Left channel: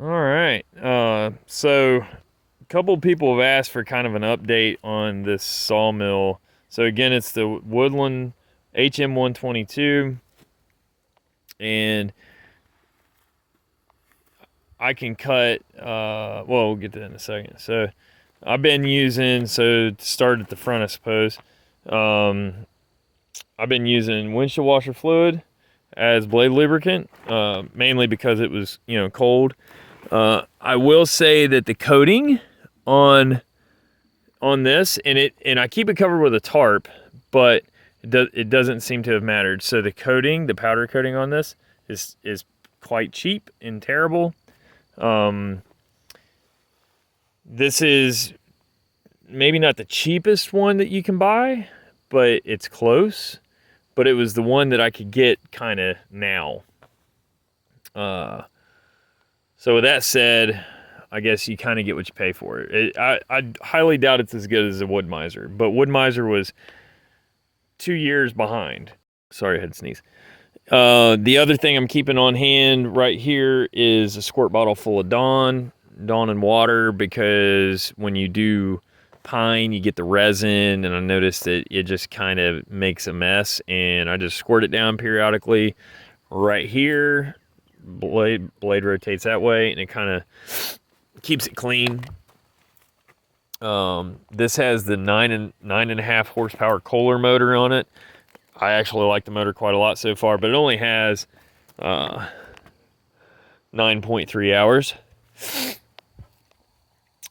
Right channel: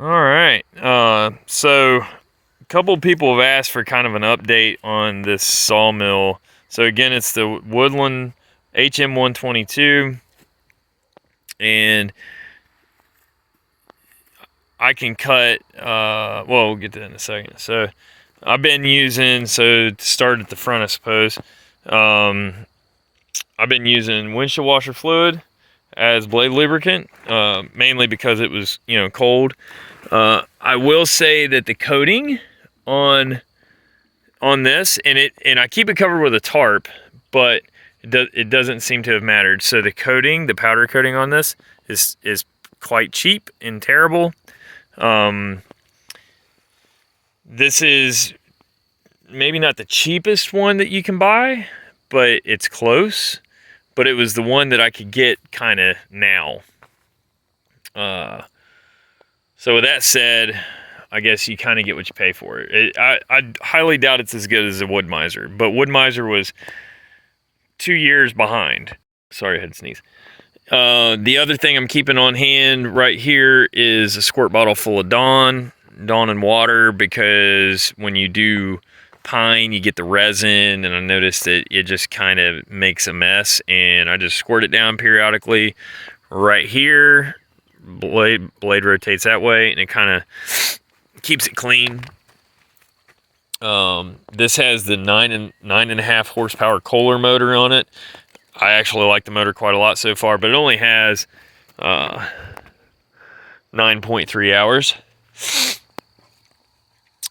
All right. So a couple people have asked for kind of an update on this sawmill. So again, it's the Woodland hm122, and I can cut. Well, we'll get to that in a second. So I've been using. So to start at the front, I suppose. Um, I've been using windshield washer fluid as blade lubricant, mainly because it was cold. I will say that the coating on this, and I keep it covered with a tarp, but it doesn't seem to have mattered. So the coating, the powder coating on this is quite cheap and terrible. This is maybe not the cheapest one that you can buy, but it's close. But it was the one that I could get kind of now. So with that said, I guess you kind of get what you pay for it. I highly doubt it's as good as a Wood Miser, but Wood Miser was 2 years behind. Sorry, I had to sneeze. The other thing I'm keeping on hand right here is a squirt bottle full of Dawn and water, because when you do pine, you get the resin, and I noticed that it just kind of makes a mess, and I just squirt it down periodically right here. Blade rotates that way, and it kind of keeps it clean. This has the 9.5 horsepower Kohler motor on it. I actually like the motor quite a lot so far, but it only has 9.3 hours.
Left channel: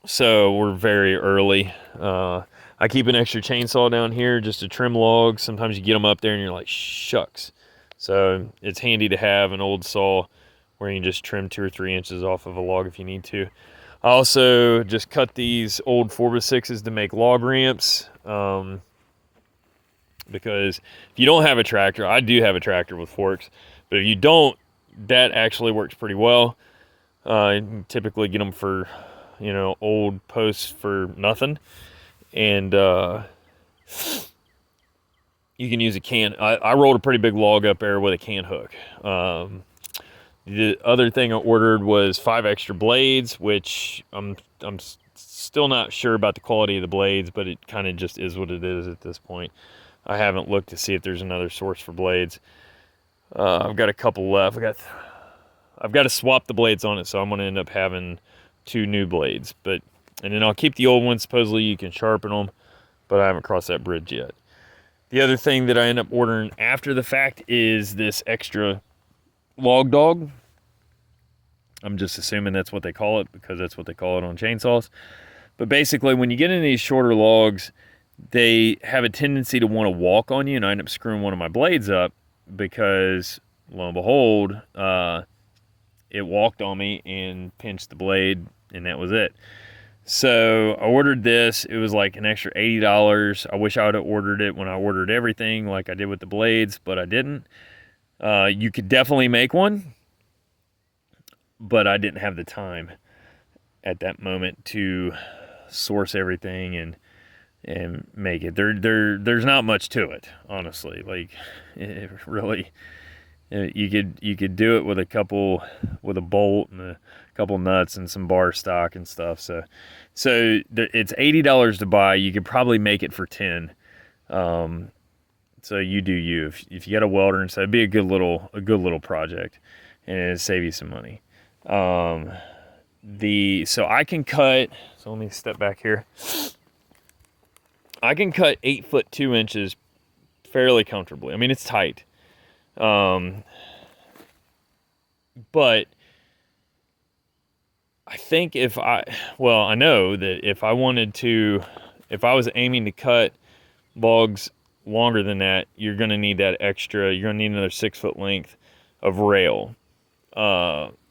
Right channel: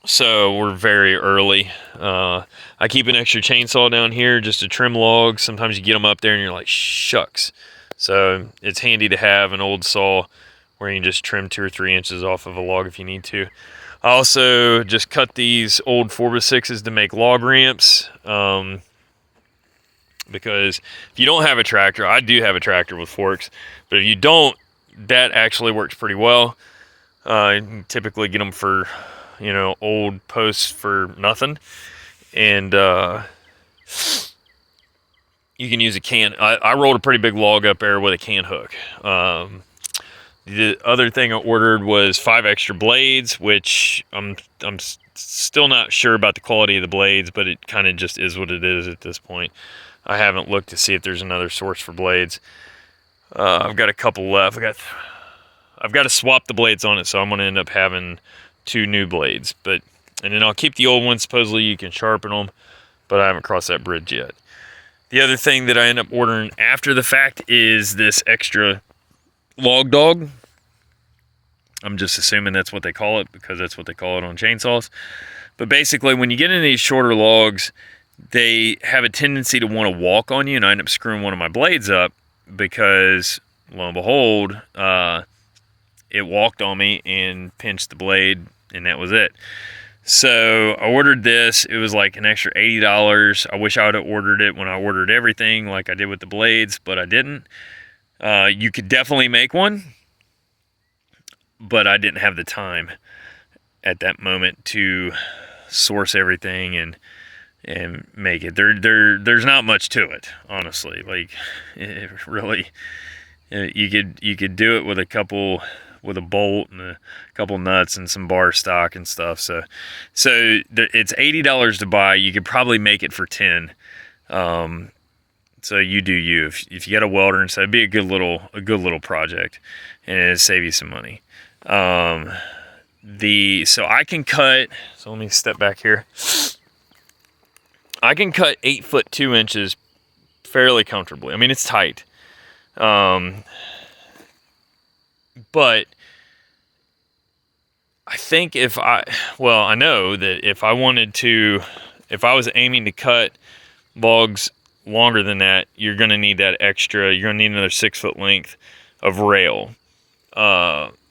So we're very early. I keep an extra chainsaw down here just to trim logs. Sometimes you get them up there and you're like, shucks. So it's handy to have an old saw where you can just trim 2 or 3 inches off of a log if you need to. I also just cut these old 4x6s to make log ramps. Because if you don't have a tractor, I do have a tractor with forks, but if you don't, that actually works pretty well. You can typically get them for, old posts for nothing. And you can use a can. I rolled a pretty big log up there with a can hook. The other thing I ordered was 5 extra blades, which I'm still not sure about the quality of the blades, but it kind of just is what it is at this point. I haven't looked to see if there's another source for blades. I've got a couple left. I've got to swap the blades on it, so I'm going to end up having 2 new blades. And then I'll keep the old ones. Supposedly you can sharpen them, but I haven't crossed that bridge yet. The other thing that I end up ordering after the fact is this extra log dog. I'm just assuming that's what they call it, because that's what they call it on chainsaws. But basically, when you get into these shorter logs, they have a tendency to want to walk on you, and I end up screwing one of my blades up because, lo and behold, it walked on me and pinched the blade, and that was it. So I ordered this. It was like an extra $80. I wish I would have ordered it when I ordered everything like I did with the blades, but I didn't. You could definitely make one, but I didn't have the time at that moment to source everything and make it. There's not much to it, honestly. Like, it really, you could do it with with a bolt and a couple nuts and some bar stock and stuff. So it's $80 to buy. You could probably make it for 10. So you do you. If you got a welder and so, it'd be a good little project, and it'd save you some money. So I can cut. So let me step back here. I can cut 8 foot 2 inches fairly comfortably. I mean, it's tight. But I think I know that if I was aiming to cut logs longer than that, you're going to need another 6 foot length of rail.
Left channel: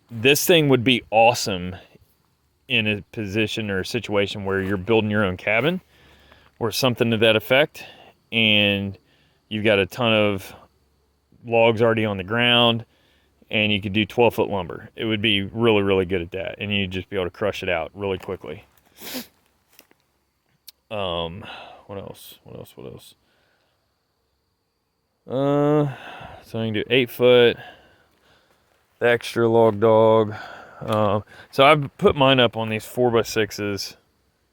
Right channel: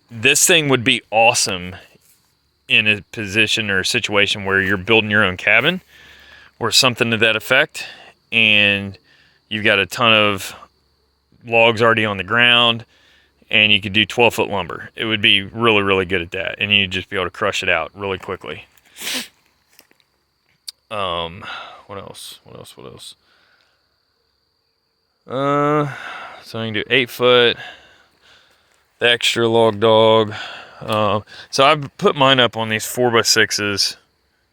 This thing would be awesome in a position or a situation where you're building your own cabin or something to that effect, and you've got a ton of logs already on the ground, and you could do 12-foot lumber. It would be really, really good at that, and you'd just be able to crush it out really quickly. What else? So I can do 8 foot, the extra log dog. So I've put mine up on these 4x6s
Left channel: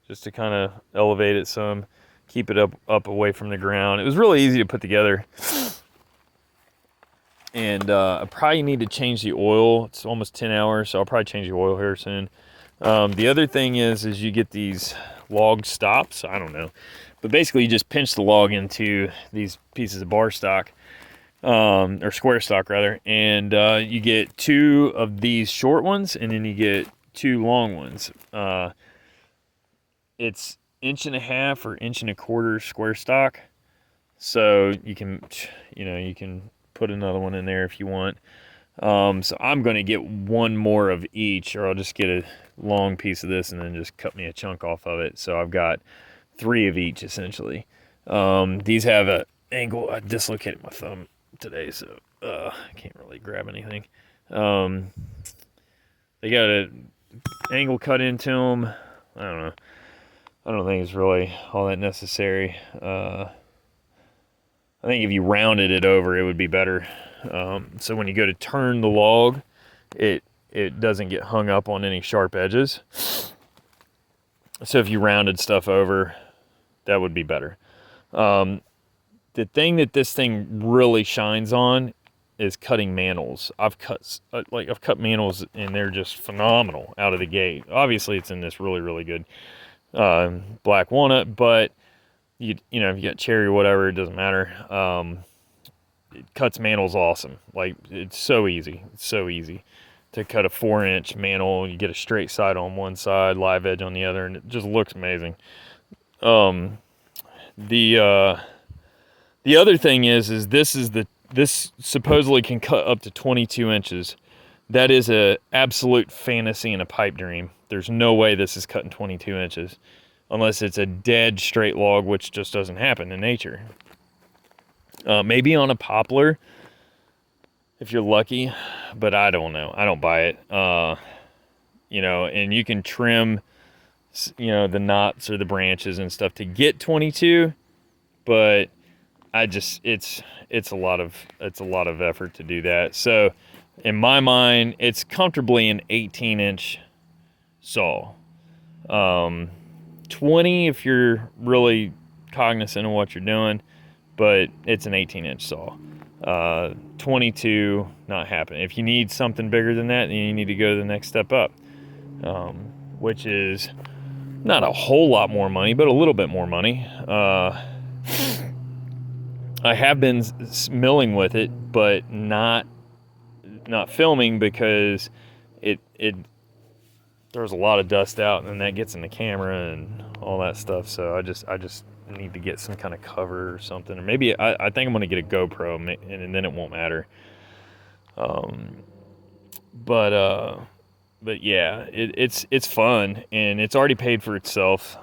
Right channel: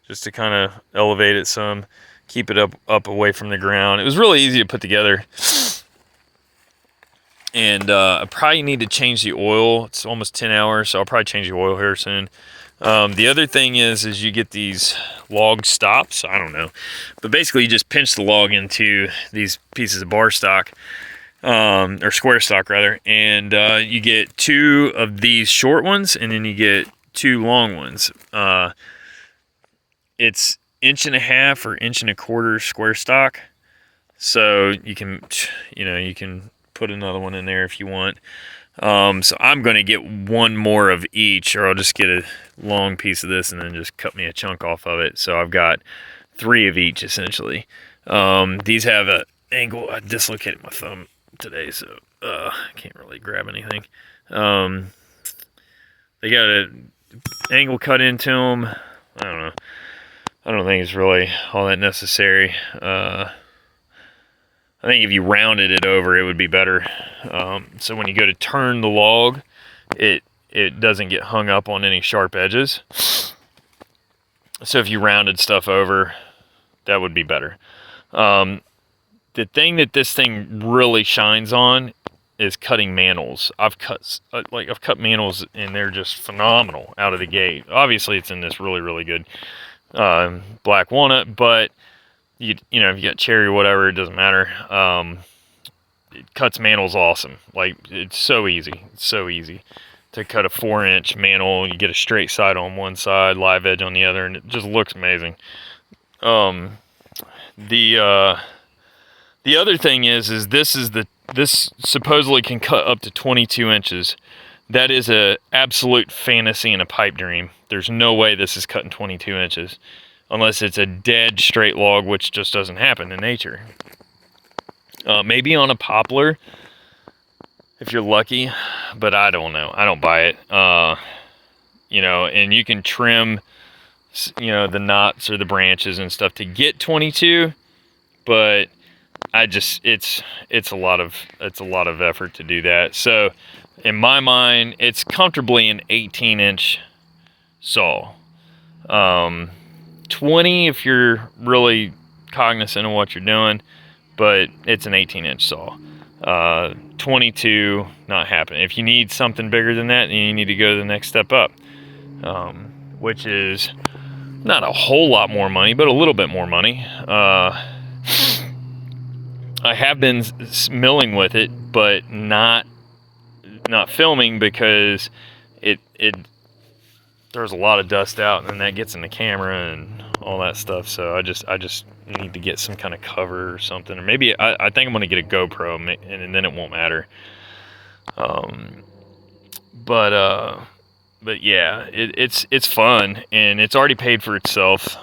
just to kind of elevate it some, keep it up away from the ground. It was really easy to put together. And I probably need to change the oil. It's almost 10 hours, so I'll probably change the oil here soon. The other thing is you get these log stops. I don't know, but basically you just pinch the log into these pieces of bar stock, or square stock rather, and you get 2 of these short ones, and then you get 2 long ones. It's 1.5 or 1.25 square stock, so you can put another one in there if you want. So I'm going to get 1 more of each, or I'll just get a long piece of this and then just cut me a chunk off of it. So I've got 3 of each essentially. These have a angle. I dislocated my thumb today, so I can't really grab anything. They got an angle cut into them. I don't know. I don't think it's really all that necessary. I think if you rounded it over, it would be better. So when you go to turn the log, it doesn't get hung up on any sharp edges. So if you rounded stuff over, that would be better. The thing that this thing really shines on is cutting mantles. I've cut mantles and they're just phenomenal out of the gate. Obviously, it's in this really, really good black walnut, but you know, if you got cherry or whatever, it doesn't matter. It cuts mantles awesome. Like, it's so easy. It's so easy to cut a 4-inch mantle. You get a straight side on one side, live edge on the other, and it just looks amazing. The other thing is this supposedly can cut up to 22 inches. That is a absolute fantasy and a pipe dream. There's no way this is cutting 22 inches. Unless it's a dead straight log, which just doesn't happen in nature. Maybe on a poplar, if you're lucky, but I don't know. I don't buy it. You know, and you can trim, you know, the knots or the branches and stuff to get 22, but it's a lot of effort to do that. So in my mind, it's comfortably an 18-inch saw. 20 if you're really cognizant of what you're doing, but it's an 18-inch saw. 22, not happening. If you need something bigger than that, then you need to go to the next step up, which is not a whole lot more money, but a little bit more money. I have been milling with it, but not filming because it there's a lot of dust out, and that gets in the camera and all that stuff. So I just need to get some kind of cover or something, or maybe I think I'm gonna get a GoPro, and then it won't matter. But yeah, it's fun, and it's already paid for itself.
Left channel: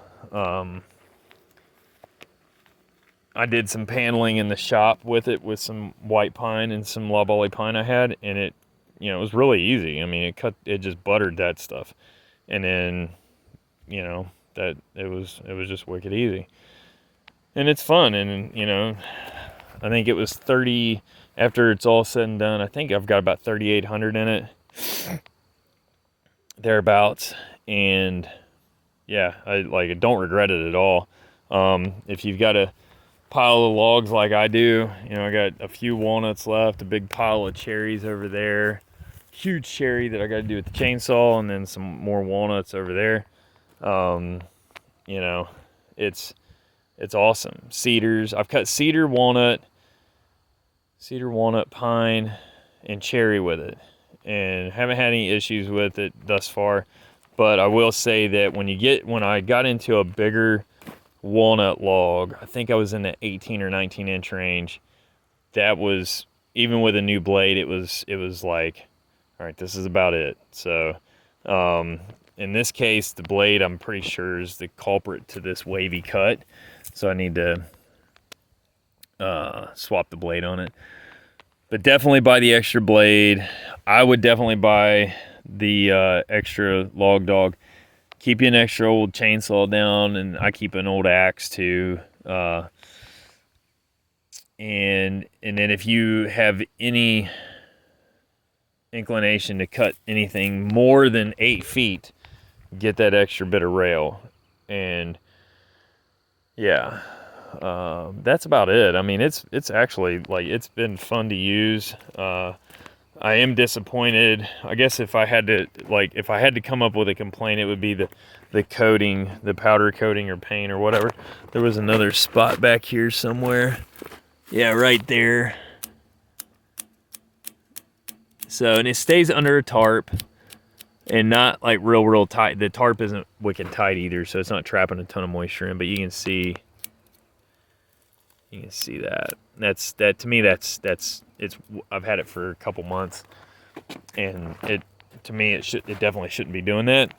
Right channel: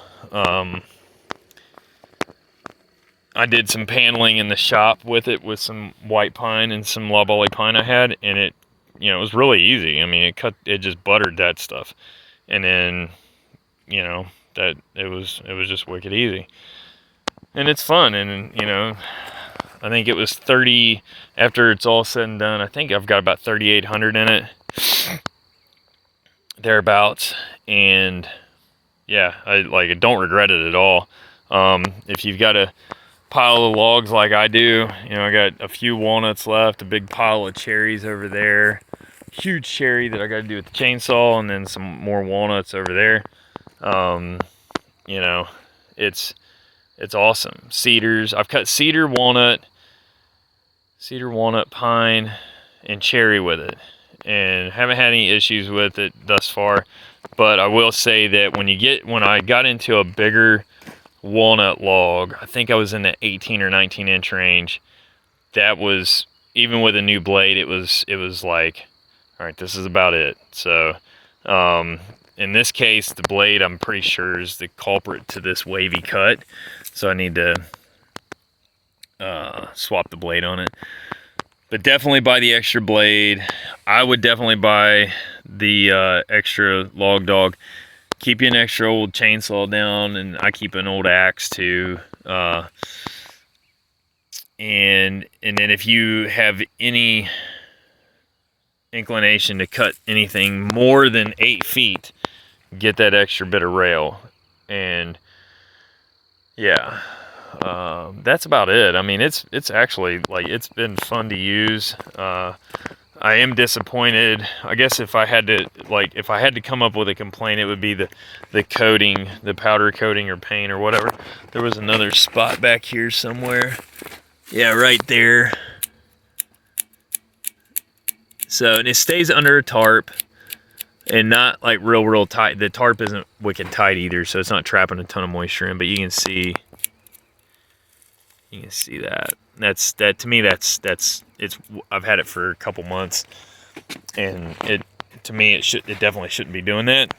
I did some paneling in the shop with it, with some white pine and some loblolly pine I had, and it was really easy. I mean, it just buttered that stuff, and then, that it was just wicked easy, and it's fun. And I think it was 30 after it's all said and done. I think I've got about 3,800 in it, thereabouts, and yeah, I don't regret it at all. If you've got a pile of logs like I do, I got a few walnuts left, a big pile of cherries over there, huge cherry that I got to do with the chainsaw, and then some more walnuts over there. It's awesome. Cedars, I've cut cedar, walnut, pine, and cherry with it, and haven't had any issues with it thus far. But I will say that when I got into a bigger walnut log, I think I was in the 18 or 19 inch range, that was, even with a new blade, it was like, all right, this is about it. So in this case, the blade, I'm pretty sure, is the culprit to this wavy cut, so I need to swap the blade on it. But definitely buy the extra blade. I would definitely buy the extra log dog. Keep you an extra old chainsaw down, and I keep an old axe too. And then if you have any inclination to cut anything more than 8 feet, get that extra bit of rail. And yeah, that's about it. I mean, it's actually, like, it's been fun to use. I am disappointed. I guess if I had to come up with a complaint, it would be the coating, the powder coating or paint or whatever. There was another spot back here somewhere. Yeah, right there. So, and it stays under a tarp and not like real tight. The tarp isn't wicked tight either, so it's not trapping a ton of moisture in, but you can see that. That to me, it's I've had it for a couple months, and to me it definitely shouldn't be doing that.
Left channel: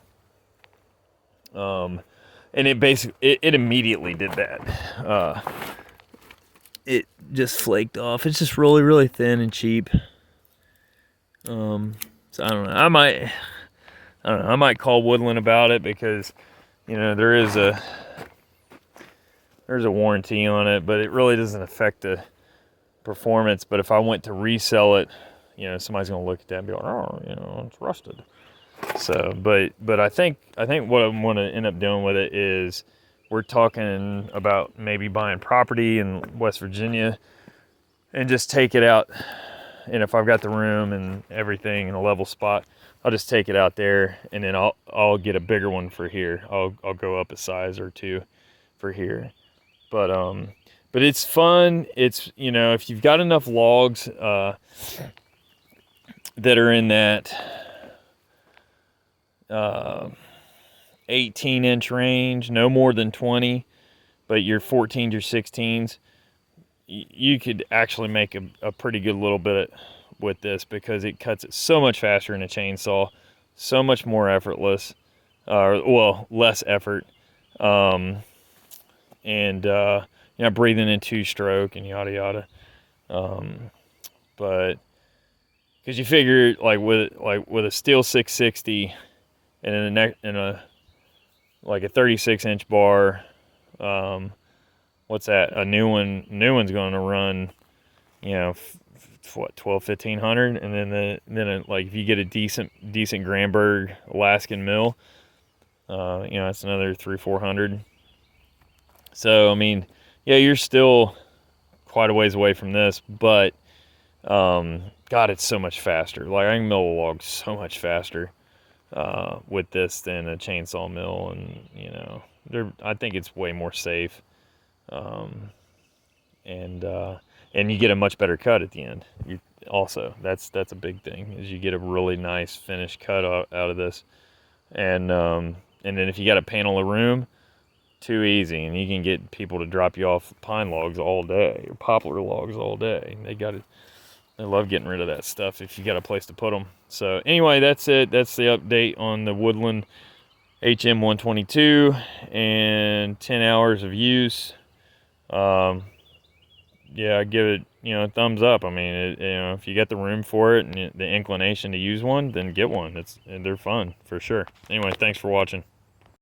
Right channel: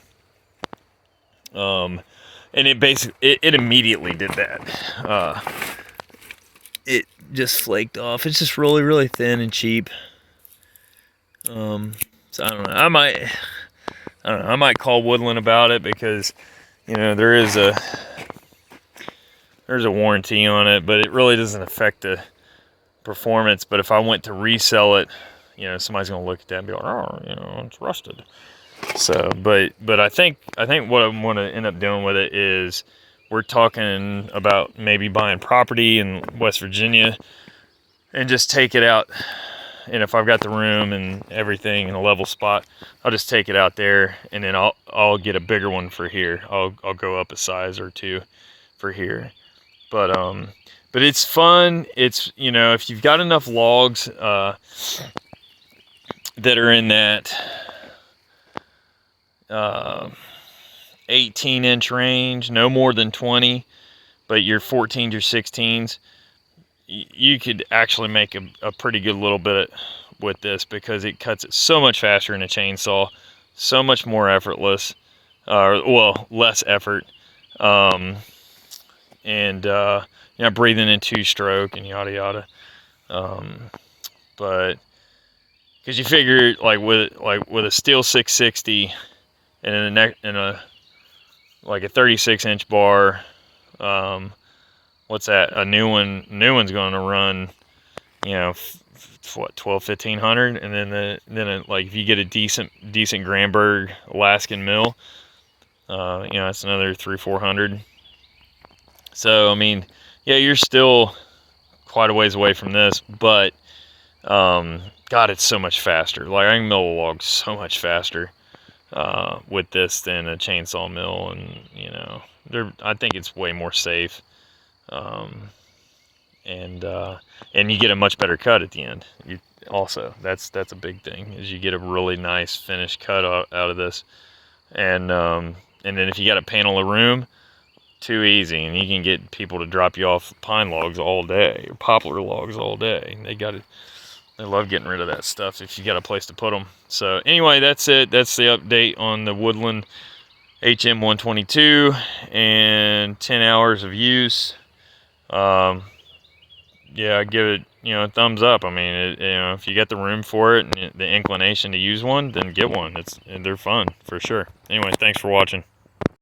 And it immediately did that. It just flaked off. It's just really thin and cheap. So I don't know. I might call Woodland about it, because, you know, there's a warranty on it, but it really doesn't affect the performance. But if I went to resell it, you know, somebody's gonna look at that and be like, oh, you know, it's rusted. So, but I think what I want to end up doing with it is, we're talking about maybe buying property in West Virginia and just take it out. And if I've got the room and everything in a level spot, I'll just take it out there, and then I'll get a bigger one for here. I'll go up a size or two for here. But it's fun. It's, you know, if you've got enough logs that are in that 18-inch range, no more than 20, but you're 14s or 16s, you could actually make a pretty good little bit with this, because it cuts it so much faster in a chainsaw, so much more effortless, well, less effort, and you know, breathing in 2-stroke and yada yada. But because you figure, like with a steel 660 and in a like a 36-inch bar, what's that? A new one's going to run, you know, what, 1,200-1,500, and then like if you get a decent Granberg Alaskan mill, you know, that's another 300-400. So I mean, yeah, you're still quite a ways away from this, but God, it's so much faster. Like, I can mill a log so much faster with this than a chainsaw mill, and you know, I think it's way more safe. And you get a much better cut at the end. That's a big thing, is you get a really nice finished cut out of this. And then if you got a panel of room, too easy, and you can get people to drop you off pine logs all day, or poplar logs all day. They love getting rid of that stuff if you got a place to put them. So anyway, that's it. That's the update on the Woodland hm122 and 10 hours of use. Yeah, I give it, you know, a thumbs up. I mean, you know, if you got the room for it and the inclination to use one, then get one. They're fun for sure. Anyway, thanks for watching.